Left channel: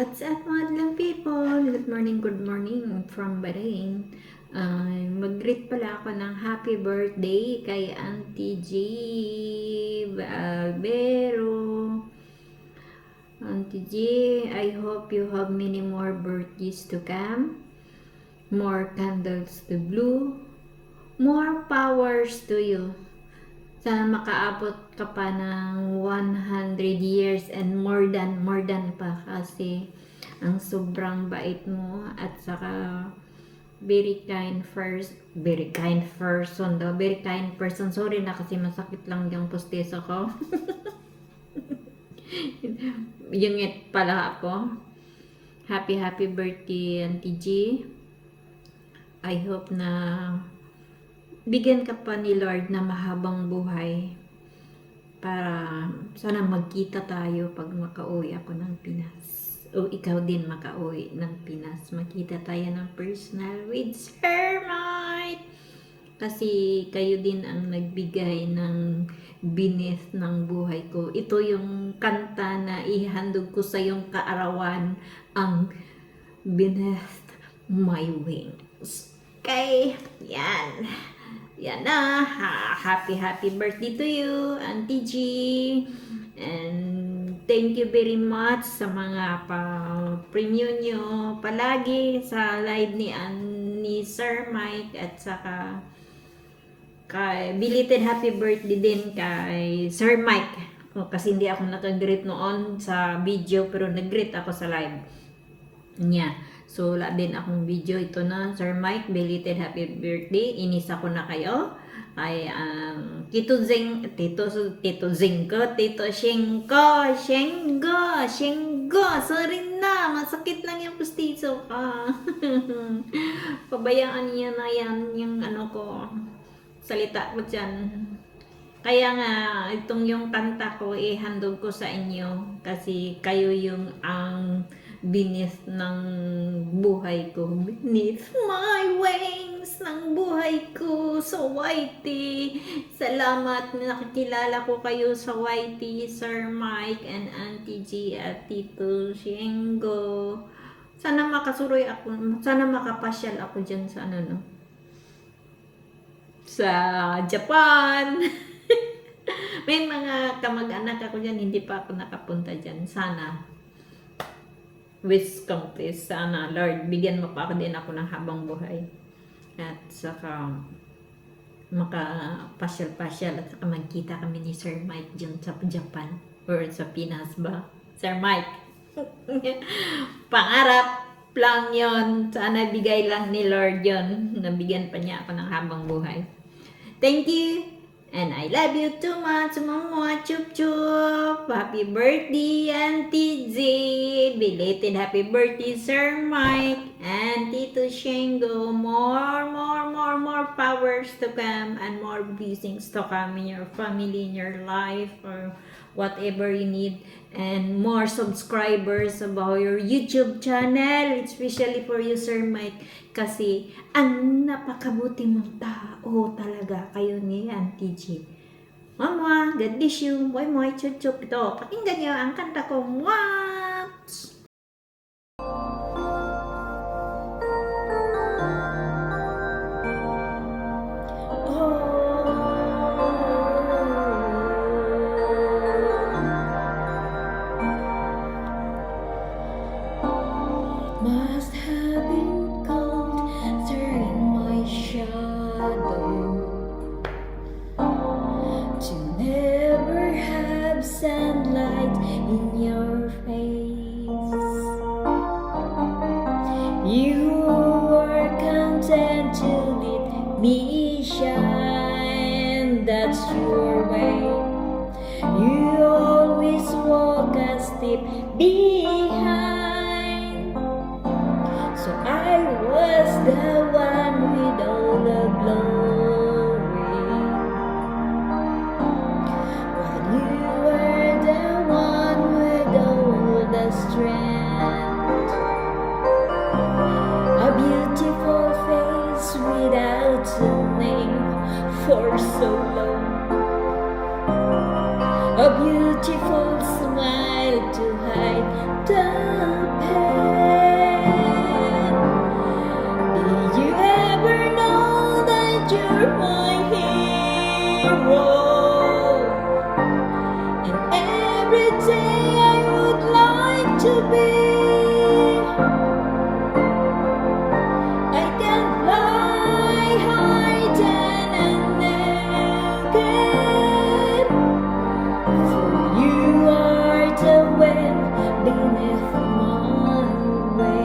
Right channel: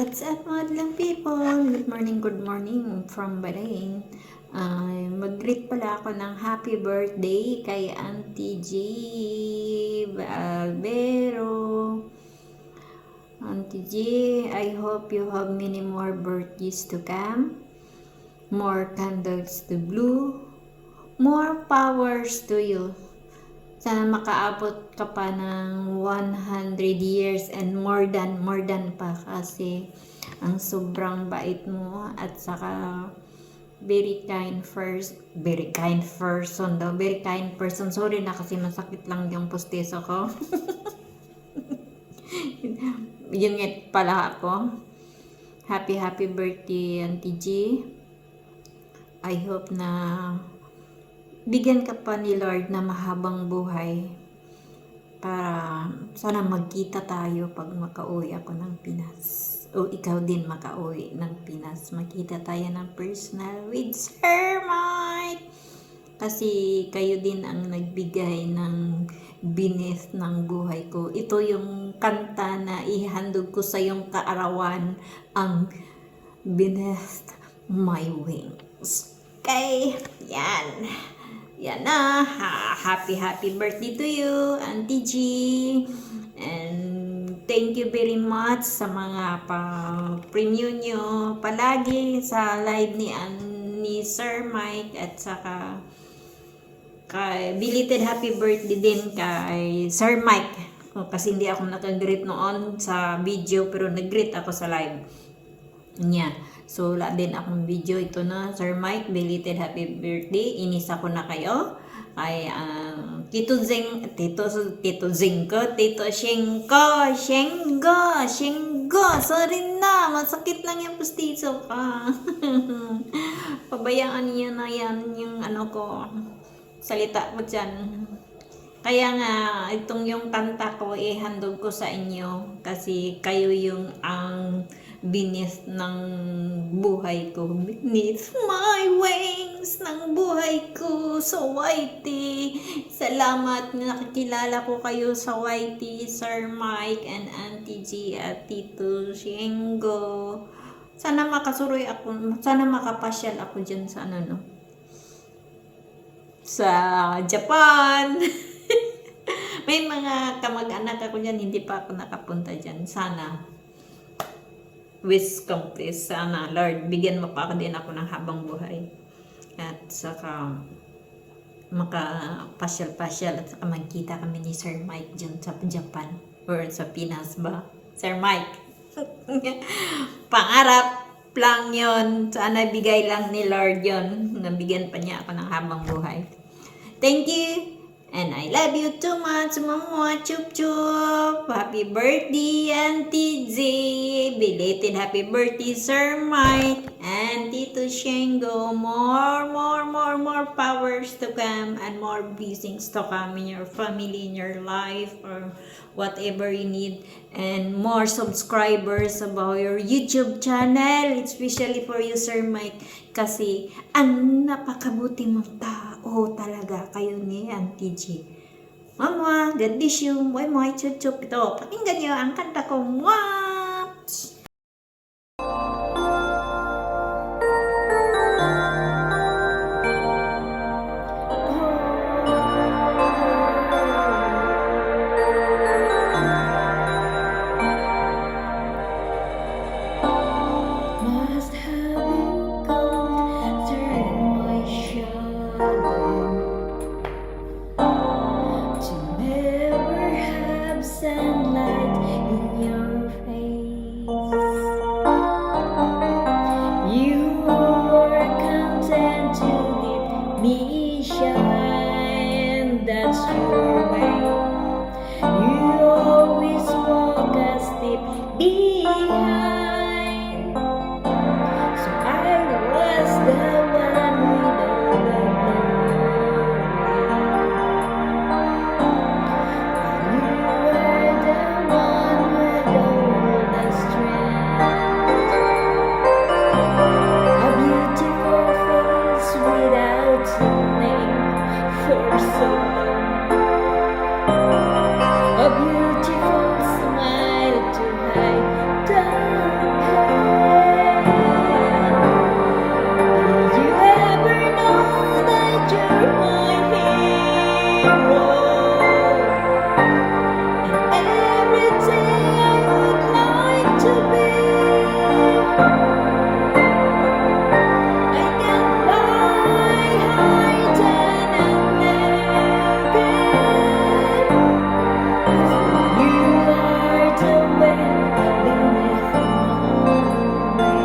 What's up, madlang people? Good morning from Bahrain. Mag-greet pala ako ng happy birthday kay Auntie G. Albero. Auntie G, I hope you have many more birthdays to come. More candles to blow. More powers to you. Sana makaabot ka pa ng 100 years and more than pa kasi ang sobrang bait mo at saka very kind person. Sorry na kasi masakit lang yung pusteso ko. Yung it pala ako. Happy birthday, Auntie G. I hope na bigyan ka pa ni Lord na mahabang buhay para sana magkita tayo pag makauwi ako ng Pinas o ikaw din makauwi ng Pinas, magkita tayo ng personal with Sir Mike kasi kayo din ang nagbigay ng binis ng buhay ko. Ito yung kanta na ihandog ko sa yung kaarawan, ang Beneath My Wings. Okay, yan na. Happy birthday to you, Auntie G. And thank you very much sa mga pa-premium nyo palagi sa live ni Sir Mike at saka kay belated happy birthday din kay Sir Mike. Kasi hindi ako nag-greet noon sa video pero nag-greet ako sa live niya. So, wala din akong video. Ito na, Sir Mike, belated happy birthday. Inisa ko na kayo. Ay, Tito Shengo. Sorry na, masakit lang yung pustiso ka. Pabayaan niya na yan yung salita ko dyan. Kaya nga, itong yung kanta ko, handog ko sa inyo. Kasi kayo yung ang beneath ng buhay ko. Beneath my wings ng buhay ko sa YT. Salamat na nakikilala ko kayo sa YT, Sir Mike and Auntie G at Tito Shengo. Sana makasuroy ako, sana makapasyal ako dyan sa sa Japan. May mga kamag-anak ako dyan, hindi pa ako nakapunta dyan. Sana wish kong please, sana Lord, bigyan mo pa ako din ako ng habang buhay at saka makapasyal at saka magkita kami ni Sir Mike dyan sa Japan or sa Pinas ba, Sir Mike. Pangarap lang yon, sana bigay lang ni Lord yon, nabigyan pa niya ako ng habang buhay. Thank you and I love you too much, Mama. Chup chup. Happy birthday, Auntie Z. Belated happy birthday, Sir Mike and Tito Shengo. More powers to come and more blessings to come in your family, in your life, or whatever you need. And more subscribers about your YouTube channel, especially for you, Sir Mike. Kasi ang napakabuti mong tao talaga kayo ni Auntie G. Mama, God bless you. Boy mo, chup-chup ito. Pakinggan niyo ang kanta ko. Waps! Must have been cold during my shadow to never have sunlight in your face. You were content to let me shine, that's your way. You always walk a step behind. I was the one with all the glory, but you were the one with all the strength. A beautiful face without a name for so long. A beautiful smile to hide the pain. are my hero, and every day I would like to be. I can fly high then and naked. You are the wind beneath my wings.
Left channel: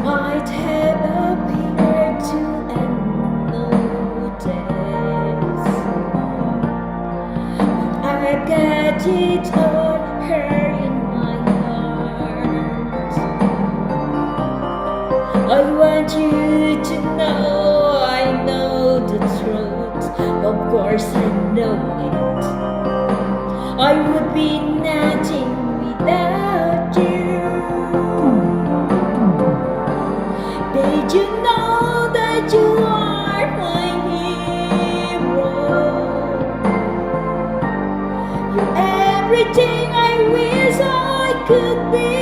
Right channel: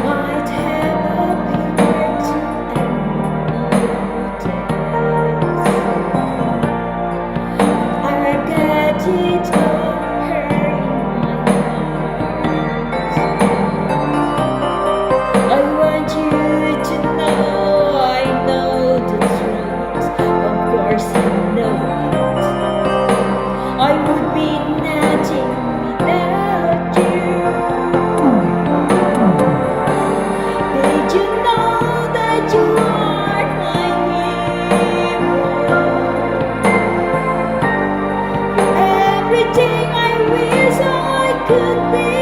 Might have appeared to unnoticed. I got it all here in my heart. I want you to know I know the truth. Of course I know it. I would be nothing without you. Did you know that you are my hero? You're everything I wish I could be.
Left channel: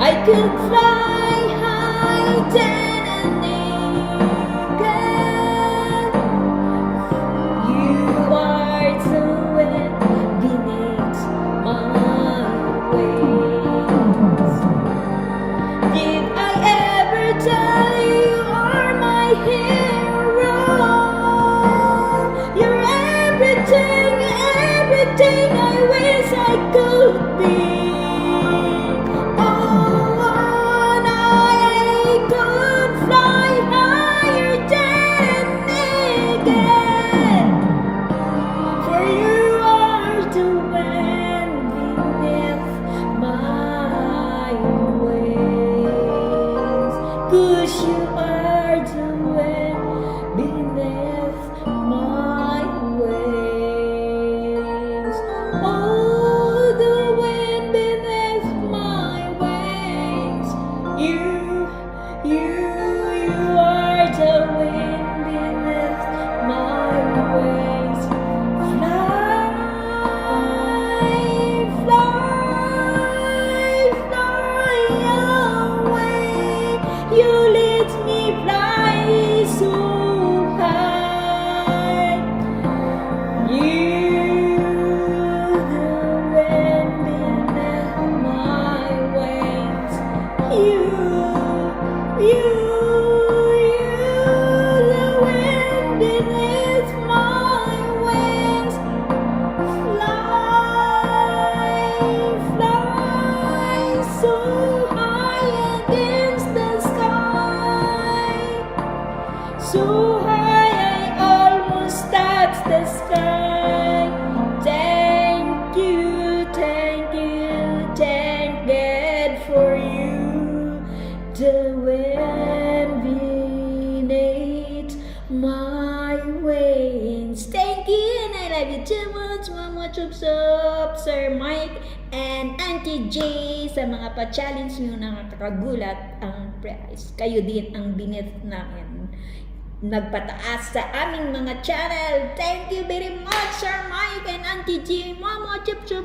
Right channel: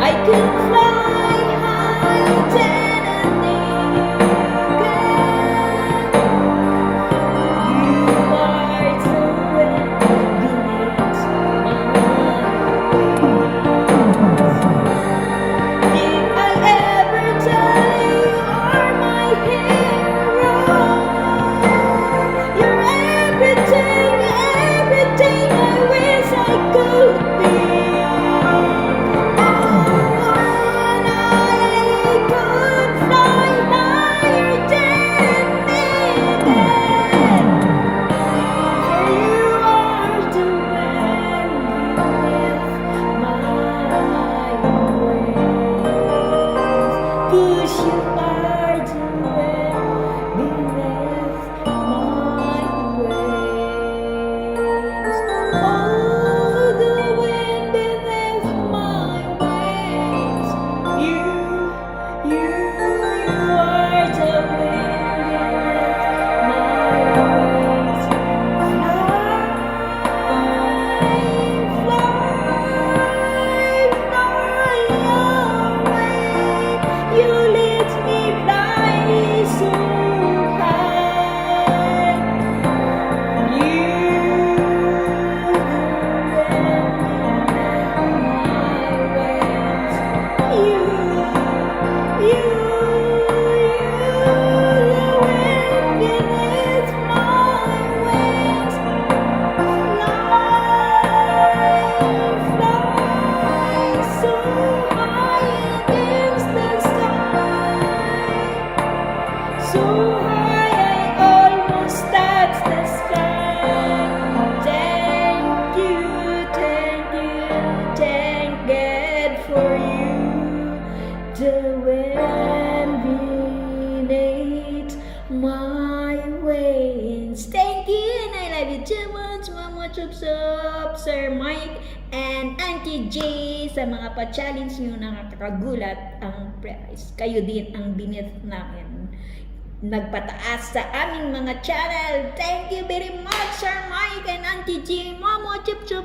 I could fly high then and naked. You are the wind beneath my wings. Did I ever tell you you are my hero? You're everything, everything I wish I could be. Oh, and I could fly higher than naked. For you are the wind beneath my wings. 'Cause you are the wind beneath my wings. Oh, the wind beneath my wings. You are the wind beneath my wings. Fly, fly, fly away. You let me fly so high. You, the wind beneath my wings. You, the wind beneath my wings. Fly so high against the sky. So high I almost touch the sky. Thank you, thank God for you. The wind beneath my wings. Thank you, and I love you too much, Mama Chup Chup, Sir Mike, and Auntie J sa mga pa-challenge nyo na nakakagulat ang prize. Kayo din ang beneath namin nagpataas sa aming mga channel. Thank you very much, Sir Mike and Auntie J, Mama Chup Chup.